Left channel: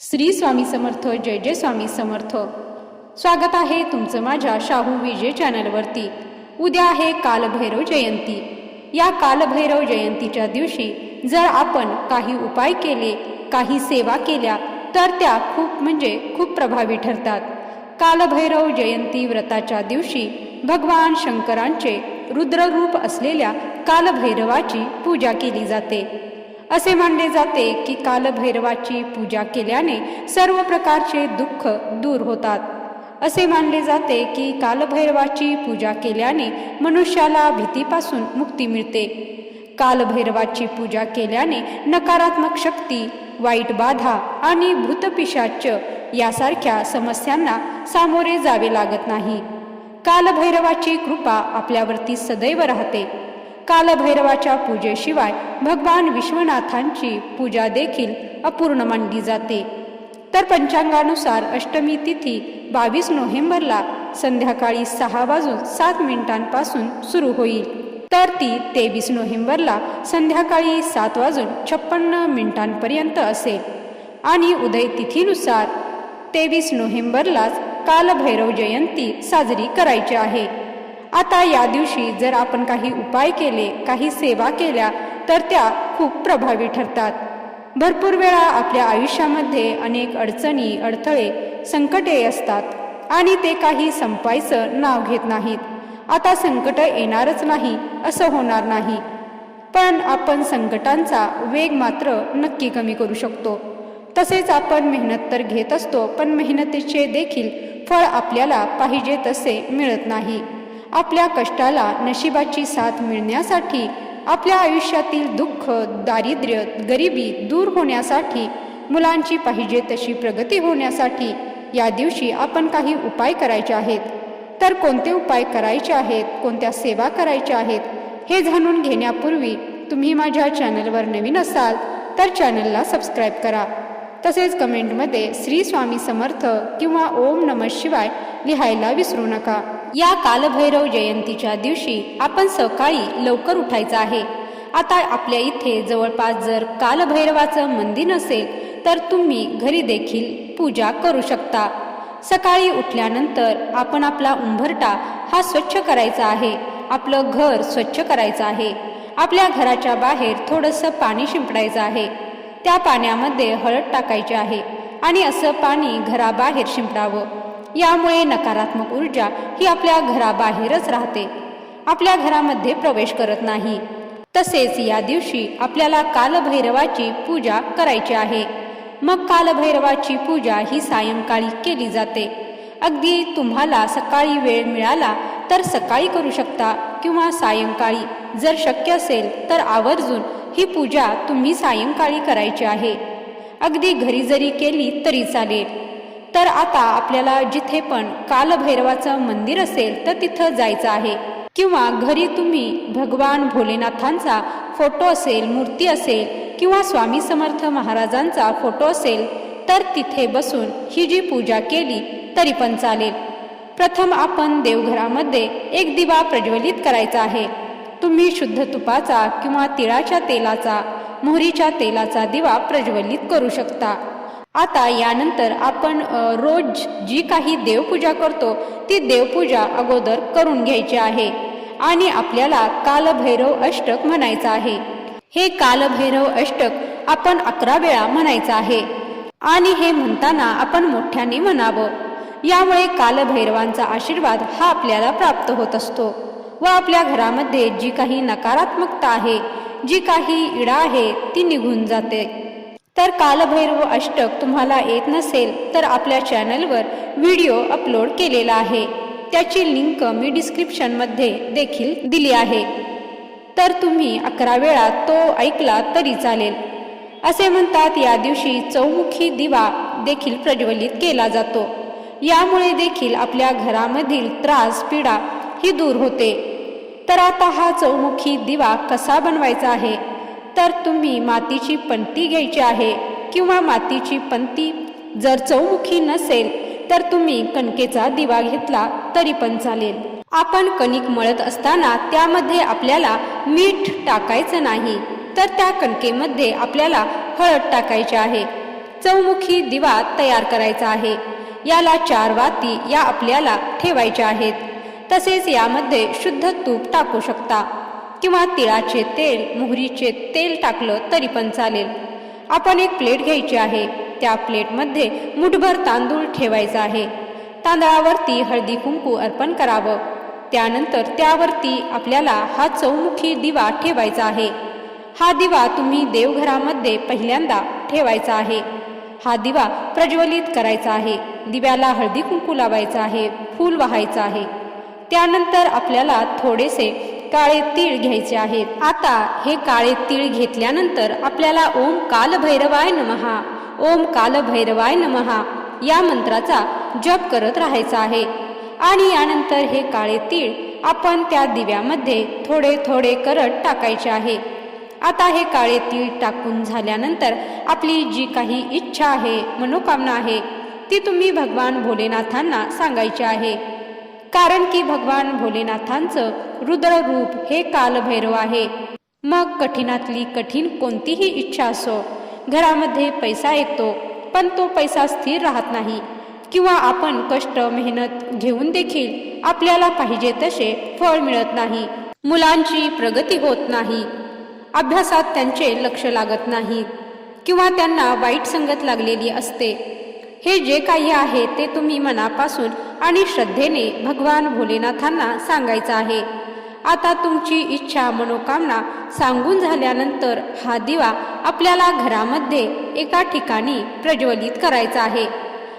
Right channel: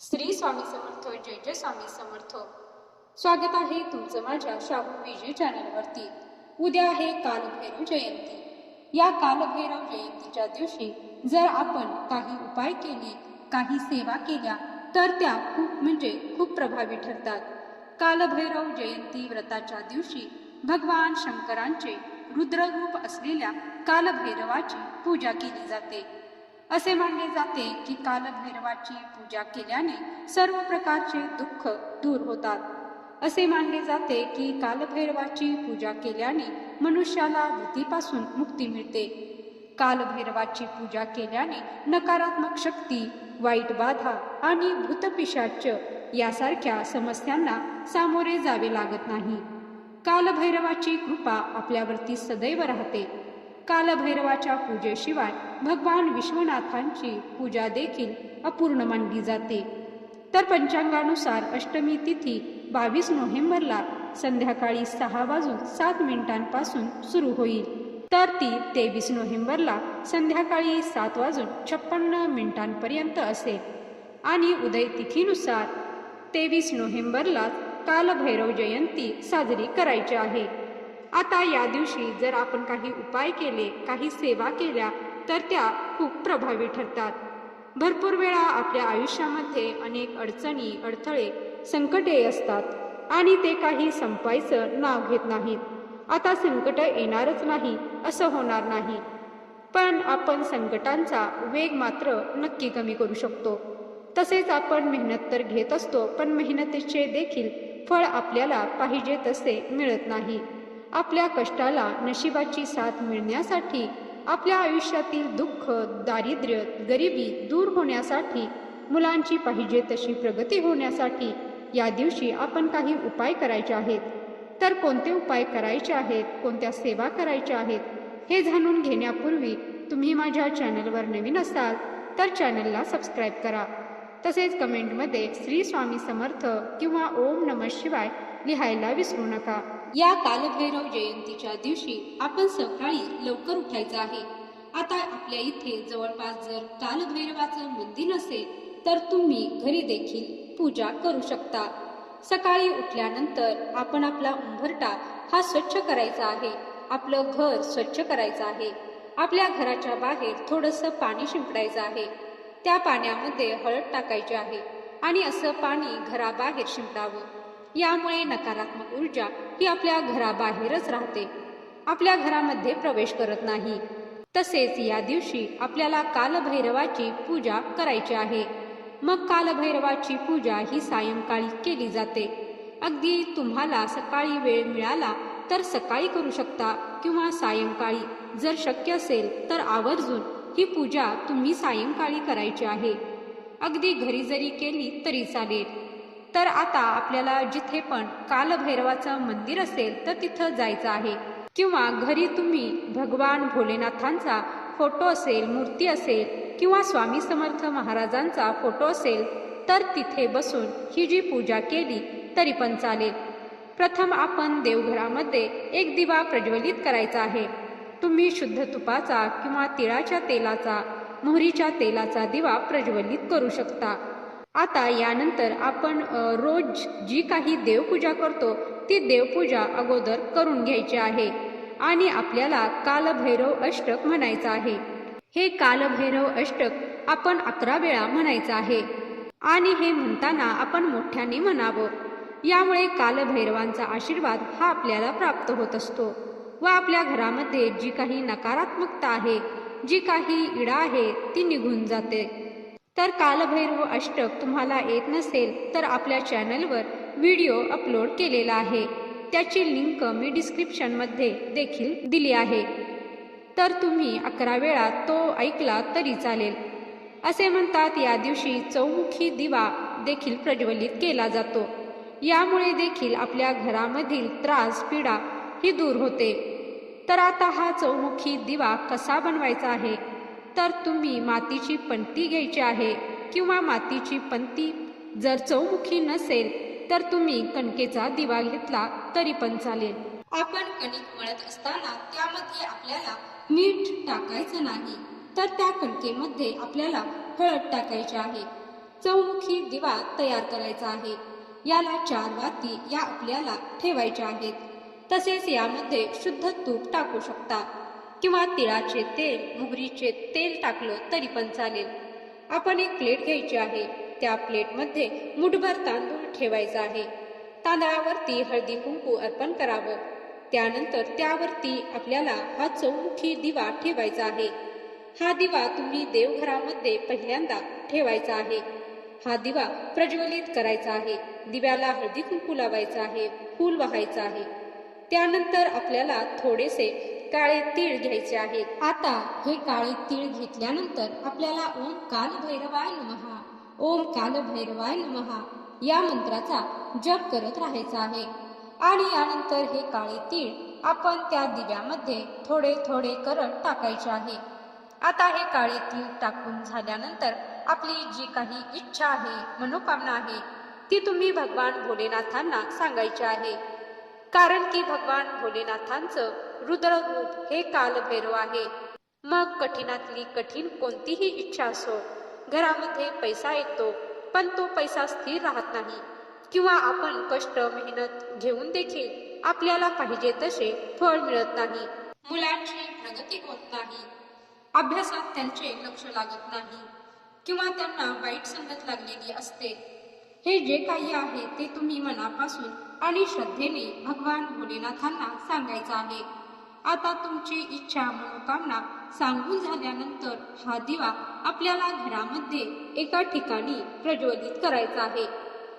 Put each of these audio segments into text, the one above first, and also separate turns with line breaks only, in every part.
श्री स्वामी समर्थ जय जय स्वामी समर्थ. स्वागत आहे तुमचं माझ्या शाहू विजय चॅनलवरती. उद्या आहे कालभैरव जयंती. या कालभैरव जयंतीच्या दिवशी जर आपण काही उपाय केले काही सेवा केल्या तर त्या खूप म्हणजे खूप प्रभावी ठरतात. कालभैरव जयंती व्रताच्या दिवशी भगवान शंकरांचे रुद्ररूप असलेल्या कालभैरवाची पूजा केली जाते. असे मानले जाते की कालभैरवाची पूजा केल्याने सर्व प्रकारचे दुःख दूर होतात. असे मानले जाते की कालभैरवाची पूजा केल्याने मनुष्याला भीतीपासून मुक्ती मिळते. कालभैरवाची पूजा केल्याने नकारात्मक शक्ती वाईट बाधा आणि भूतपिशाच यासारख्या समस्यांना सामोरे जावे लागत नाही. कालभैरवाची कृपा आपल्यावरती सदैव राहते. कालभैरवाच्या पूजेशिवाय भगवान विश्वनाथांची पूजा देखील अपूर्ण मानली जाते. तर पंचांगानुसार अष्टमी तिथी बावीस नोव्हेंबरला संध्याकाळी सहा वाजून सात मिनिटांपासून सुरू होईल. तर ती तेवीस नोव्हेंबरला संध्याकाळी सात वाजून छप्पन्न मिनिटांपर्यंत असेल. आणि उदय तिथीनुसार तेवीस नोव्हेंबरलाच कालभैरव जयंती साजरी करायची आहे. आता या दिवशी जर आपण काही उपाय केले काही सेवा केल्या तर त्या खूप प्रभावी ठरतात. भरपूर वेळा आपल्या आयुष्यामध्ये अनेक अडचणी अडथळे संकटे असतात आणि ते काही संपायचं नाव घेत नाहीत. आता संकट येणारच नाही असं होणार नाही. पण आपण संकटांचा वेग मात्र नक्की कमी करू शकतो. तसेच आपण मेहनत तर घेत असतो पण मेहनतीचे देखील फळ आपल्याला पाहिजे तसे मिळत नाही. आपल्या कष्टाला नशिबाची साथ मिळण्यासाठी आपल्या आयुष्यातील दुःख दारिद्र्य गरिबी दूर होण्यासाठी मुलांची पाहिजे तशी प्रगती होण्यासाठी या दिवशी आपण काही उपाय करायचे आहेत. तर कोणते उपाय करायचे आहेत कोणत्या सेवा करायच्या आहेत हे जाणून घेण्यापूर्वी तुम्ही माझ्या चॅनलवर नवीन असाल तर चॅनलला सबस्क्राईब करा. तसेच कमेंटमध्ये श्री स्वामी समर्थ किंवा ओम नम शिवाय लिहायला विसरू नका. या कालभैरव जयंतीच्या दिवशी आपण सकाळी लवकर उठायचं आहे. आता आपल्या इथे जवळपास जर कालभैरवाचं मंदिर नसेल तर तुम्ही घरी देखील पूजा करू शकता. सकाळी उठल्यानंतर आपण आपला उंबरटा हा स्वच्छ करायचा आहे. आपलं घर स्वच्छ करायचं आहे. आपल्या घराच्या बाहेर थोडंसं पाणी शिंपडायचं आहे. त्या पाण्यामध्ये हळद टाकायची आहे आणि असं पाणी घराबाहेर शिंपडावं. यामुळे नकारात्मक ऊर्जा ही आपल्या घराबाहेरच राहते. आपल्या घरामध्ये प्रवेश करत नाही. तसेच या दिवशी आपल्याला कालभैरवाची पूजा करायची आहे. मग कालभैरवाची पूजा ही सायंकाळी केली जाते. अगदी तुम्हाला सकाळी वेळ मिळाला तर सकाळी करू शकता किंवा सायंकाळी. जर शक्य असेल तर आवर्जून ही पूजा तुम्ही सायंकाळी करायची आहे. अगदी घरी जरी केली तरी चालेल. तर आता आपल्याला जिथे पण कालभैरवाचं मंदिर असेल तर तिथं जायचं आहे. किंवा घरी तुम्ही भगवान भोलेनाथांचा फोटो असेल मूर्ती असेल किंवा स्वामी समर्थ महाराजांचा फोटो असेल तर तिथे बसून ही जी पूजा केली तरी पण चालेल. प्रथम आपण देवघरामध्ये एक दिवा प्रज्वलित करायचा आहे. तुम्ही शुद्ध तुपाचा किंवा तिळाच्या तेलाचा मोहरीच्या तेलाचा दिवा प्रज्वलित करू शकता. आता यानंतर आपण रोज जी काही देवपूजा करतो ती देवपूजा अगोदर करून घ्यायची आहे. आणि आपल्याला कालभैरव अष्टक म्हणायचं आहे. हे कालभैरव अष्टक आपण अकरा वेळा म्हणायचं आहे. आणि हे म्हणताना आपण मोठ्याने म्हणावं. यामुळे कालभैरवांचा आशीर्वाद हा आपल्याला प्राप्त होत असतो. व आपल्या घरामध्ये जी काही नकारात्मकता आहे जी काही इडा आहे ती निघून जाते. तर कालभैरव अष्टक तुम्हाला येत नसेल तर आपल्या चॅनलवर व्हिडिओ अपलोड केलेला आहे. त्याची लिंक मी डिस्क्रिप्शनमध्ये देखील दिली आहे. तर तुम्ही अकरा वेळा तो ऐकला तरी चालेल. असे म्हणतात या दिवशी चौमुखी दिवा देखील प्रज्वलित केला जातो. यामुळे देखील आपल्या घरामधील त्रास पीडा ही दूर होते. तर आता हा चौमुखी दिवा कसा बनवायचा आहे? तर तुम्ही मातीची पंती घ्यायची आहे किंवा मातीची पंती जर चौमुखी नसेल तर तुम्ही कणकेचा दिवा घेतला तरी पण चालेल. आपण कणिक मळत असताना त्यामध्ये आपल्याला मीठ टाकायचं नाही तर त्या कणकेमध्ये आपल्याला हळद टाकायची आहे. चौमुखी दिवा तयार करायचा आहे. याला चार वाती या आपल्याला ठेवायच्या आहेत. तसेच यामध्ये शुद्ध तूप टाकू शकता. किंवा तिळाचे तेल मोहरीचे तेल टाकलं तरी पण चालेल. आपण एक प्लेट घ्यायची आहे. त्या प्लेटमध्ये मुठभर तांदूळ ठेवायचा आहे. तांदळावरती हळदी कुंकू अर्पण करावं. त्यानंतर त्यावरती आपल्याला हा चौमुखी दिवा ठेवायचा आहे. हा दिवा तुम्ही देवघरामध्ये पहिल्यांदा ठेवायचा आहे. हा दिवा प्रज्वलित करायचा आहे. दिव्याला हळदी कुंकू लावायचा आहे. फूल वाहायचं आहे. त्यानंतर आपल्याला थोडेसे काळे तीळ घ्यायचे आहेत आता हे काळे तीळ घेतल्यानंतर आपल्याला ओम कालभैरवाय नमहा ओम कालभैरवाय नमहा या मंत्राचा जप करत राहायचा आहे. आणि यानंतर हे काळे तीळ आपण त्या दिव्यामध्ये थोडे थोडे करत टाकायचे आहे. आता हे काळे तीळ टाकून झाल्यानंतर आपली जी काही इच्छा आहे मनोकामना आहे ती तुम्ही भगवान भोलेनाथांना सांगायची आहे. कारण की भगवान भोलेनाथांचं रुद्र रूप हे कालभैरव आहे. मग कठीणातली कठीण कोणतीही इच्छा असो घरामध्ये पैसा येतो पण तो पैसा स्थिर राहत नाही किंवा आपण कष्ट मेहनत घेऊन देखील आपल्याला पाहिजे तसे फळ मिळत नाही मुलांची प्रगती होत नाही अभ्यासात त्यांचे लक्ष लागत नाही किंवा त्यांना वाईट संगत लागलेली असते. हे जे काही आहे ते तुम्ही मनापासून आणि श्रद्धेने भगवान भोलेनाथांना सांगायचं आहे. आता तुमची इच्छा मनोकामना सांगून झाल्यानंतर हा दिवा आपल्याला घरामध्ये एका ठिकाणी प्रज्वलित करायचा आहे.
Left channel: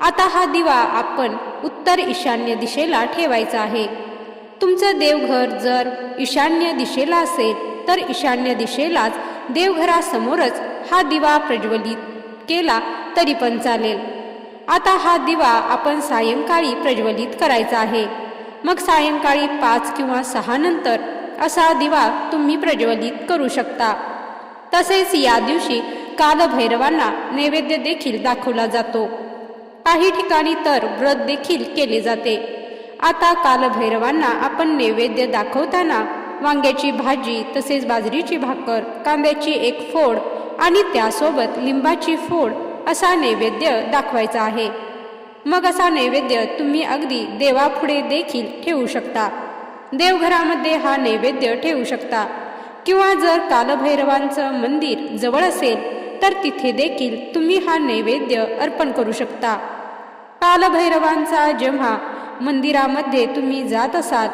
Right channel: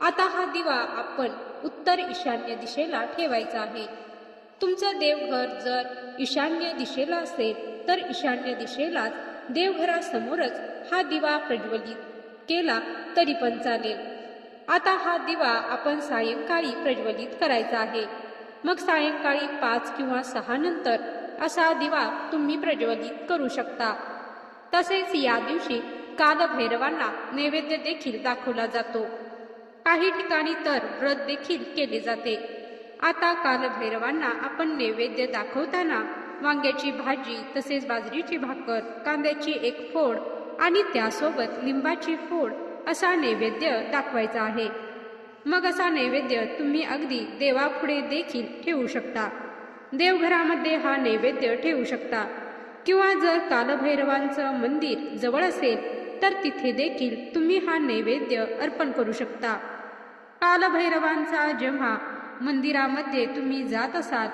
आता हा दिवा आपण उत्तर ईशान्य दिशेला ठेवायचा आहे. तुमचं देवघर जर ईशान्य दिशेला असेल तर ईशान्य दिशेलाच देवघरासमोरच हा दिवा प्रज्वलित केला तरी पण चालेल. आता हा दिवा आपण सायंकाळी प्रज्वलित करायचा आहे. मग सायंकाळी पाच किंवा सहा नंतर असा दिवा तुम्ही प्रज्वलित करू शकता. तसेच या दिवशी कालभैरवांना नैवेद्य देखील दाखवला जातो. काही ठिकाणी तर व्रत देखील केले जाते. आता कालभैरवांना आपण नैवेद्य दाखवताना वांग्याची भाजी तसेच बाजरीची भाकर कांद्याची एक फोड आणि त्यासोबत लिंबाची फोड असा नैवेद्य दाखवायचा आहे. मग असा नैवेद्य तुम्ही अगदी देवापुढे देखील ठेवू शकता. देवघरामध्ये हा नैवेद्य ठेवू शकता. किंवा जर कालभैरवांचं मंदिर जवळ असेल तर तिथे देखील तुम्ही हा नैवेद्य अर्पण करू शकता. कालभैरवांचा जेव्हा मंदिरामध्ये तुम्ही जात असाल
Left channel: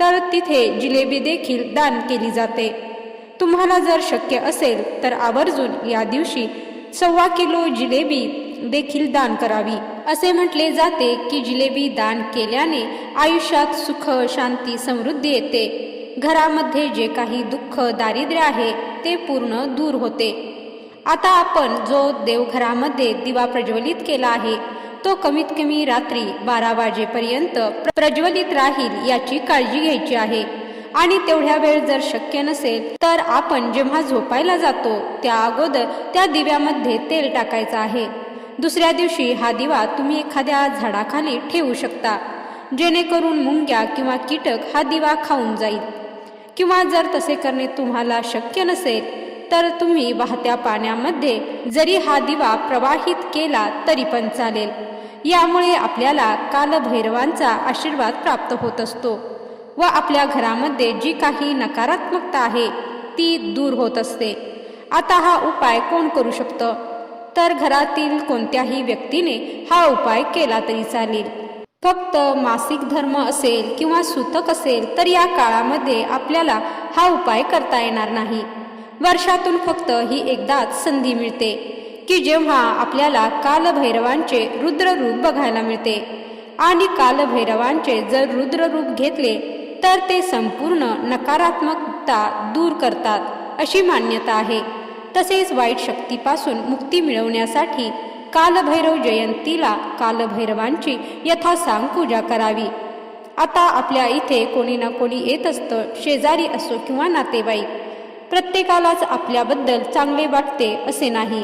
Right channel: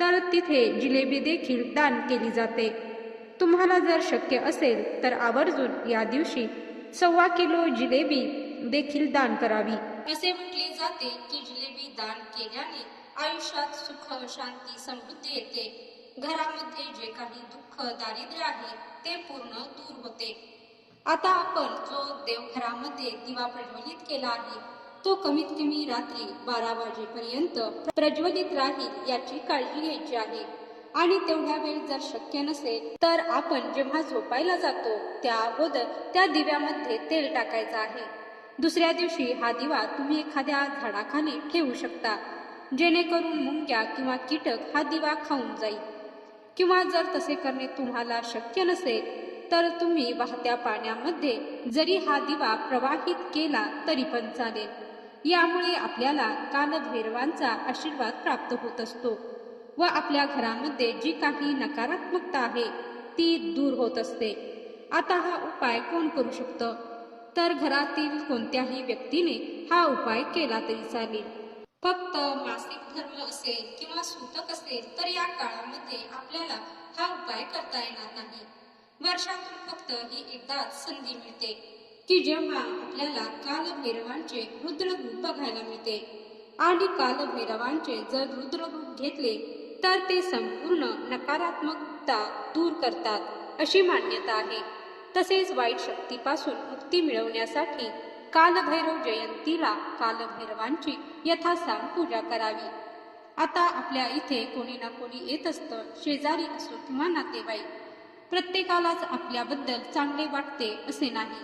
तर तिथे जिलेबी देखील दान केली जाते. तुम्हाला जर शक्य असेल तर आवर्जून या दिवशी सव्वा किलो जिलेबी देखील दान करावी. असे म्हटले जाते की जिलेबी दान केल्याने आयुष्यात सुख शांती समृद्धी येते. घरामध्ये जे काही दुःख दारिद्र्य आहे ते पूर्ण दूर होते. आता आपण जो देवघरामध्ये दिवा प्रज्वलित केला आहे तो कमीत कमी रात्री बारा वाजेपर्यंत प्रज्वलित राहील याची काळजी घ्यायची आहे. आणि तेवढ्या वेळ जर शक्य नसेल तर आपण जेव्हा झोपायला जातो त्या अगोदर त्या दिव्यामध्ये तेल टाकायचं आहे. दुसऱ्या दिवशी हा दिवा तुम्ही एखाद्या झाडाखाली ठेवू शकता जेणेकरून मुंग्या किंवा कीटक हा दिवा खाऊन जाईल. किंवा जर तसे करणे तुम्हाला शक्य नसेल तर तुम्ही वाहत्या पाण्यामध्ये जरी हा दिवा प्रवाहित केला तरी पण चालेल. यामुळे आपल्याला कालभैरवांचा आशीर्वाद प्राप्त होत असतो. व आपल्या घरामध्ये जी काही नकारात्मकता आहे ती दूर होत असते. आता हा उपाय कोण करू शकतं? तर घरातील कोणत्याही व्यक्तीने हा उपाय केला तरी चालेल. फक्त मासिक धर्म असेल किंवा सूतक असेल तर या काळामध्ये आपल्याला हा उपाय करता येणार नाही. वर्षातून फक्त ही एकदाच संधी मिळते की जेव्हा आपल्याला कालभैरवांचे रुद्र रूप बघायला मिळते. आणि कालभैरवांचे जर रुद्र रूप घेतले तर ते संपूर्ण नकारात्मकता दूर करतात अशी मान्यता आहे. तसेच वाईट शक्तीपासून मुक्ती मिळवण्यासाठी कालभैरव जयंतीला कालभैरवांची यथासांग पूजा करावी. आता आपल्या इथे कोणी ना कोणी येत असतं शेजारी असो किंवा नातेवाईक. प्रत्येकालाच आपल्याबद्दल चांगले वाटते असे नाही.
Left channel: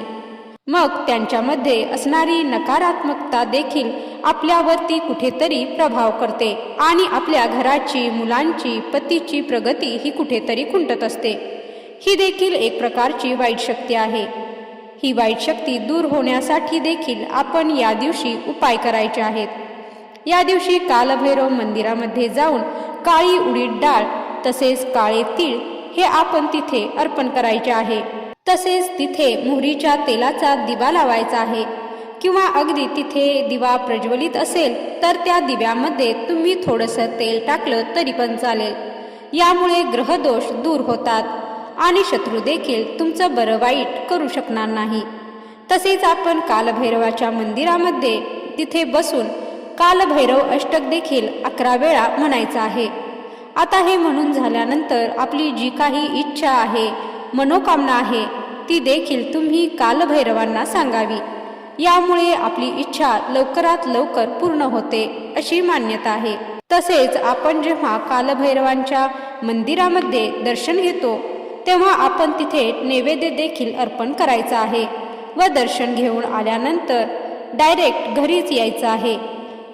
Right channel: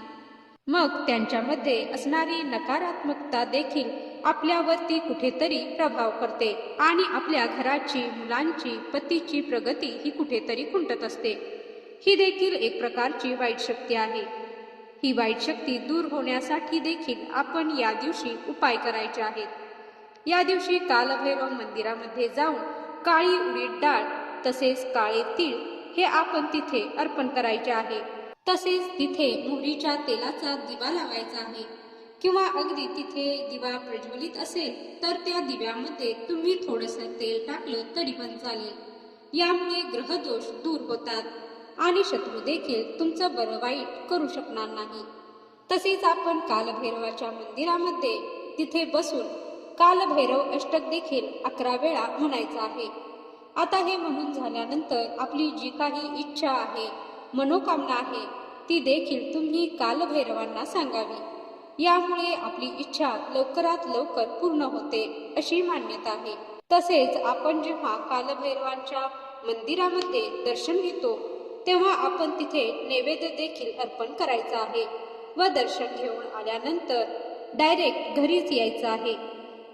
मग त्यांच्यामध्ये असणारी नकारात्मकता देखील आपल्यावरती कुठेतरी प्रभाव करते आणि आपल्या घराची मुलांची पतीची प्रगती ही कुठेतरी खुंटत असते. ही देखील एक प्रकारची वाईट शक्ती आहे. ही वाईट शक्ती दूर होण्यासाठी देखील आपण या दिवशी उपाय करायचे आहेत. या दिवशी कालभैरव मंदिरामध्ये जाऊन काळी उडीद डाळ तसेच काळे तीळ हे आपण तिथे अर्पण करायचे आहे. तसेच तिथे मोहरीच्या तेलाचा दिवा लावायचा आहे. किंवा अगदी तिथे दिवा प्रज्वलित असेल तर त्या दिव्यामध्ये तुम्ही थोडंसं तेल टाकलं तरी पण चालेल. यामुळे ग्रहदोष दूर होतात आणि शत्रू देखील तुमचं बरं वाईट करू शकणार नाही. तसेच आपण कालभैरवाच्या मंदिरामध्ये तिथे बसून कालभैरव अष्टक देखील अकरा वेळा म्हणायचं आहे. आता हे म्हणून झाल्यानंतर आपली जी काही इच्छा आहे मनोकामना आहे ती देखील तुम्ही कालभैरवांना सांगावी. यामुळे आपली इच्छा लवकरात लवकर पूर्ण होते अशी मान्यता आहे. तसेच आपण जेव्हा कालभैरवांच्या मंदिरामध्ये दर्शन घेतो तेव्हा आपण तिथे नैवेद्य देखील अर्पण करायचं आहे व दर्शन घेऊन आल्यानंतर डायरेक्ट घरीच यायचं आहे.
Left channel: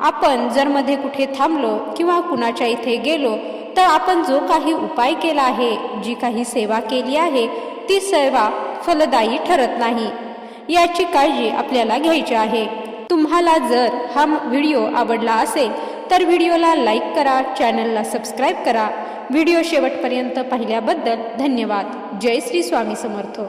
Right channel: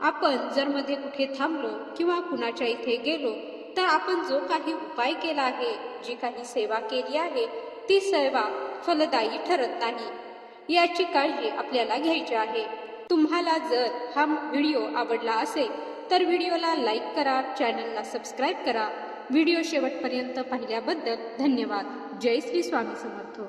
आपण जर मध्ये कुठे थांबलो किंवा कुणाच्या इथे गेलो तर आपण जो काही उपाय केला आहे जी काही सेवा केली आहे ती सेवा फलदायी ठरत नाही. याची काळजी आपल्याला घ्यायची आहे. तुम्हाला जर हा व्हिडिओ आवडला असेल तर व्हिडिओला लाईक करा चॅनलला सबस्क्राईब करा. व्हिडिओ शेवटपर्यंत पाहिल्याबद्दल धन्यवाद. जय श्री स्वामी समर्थ.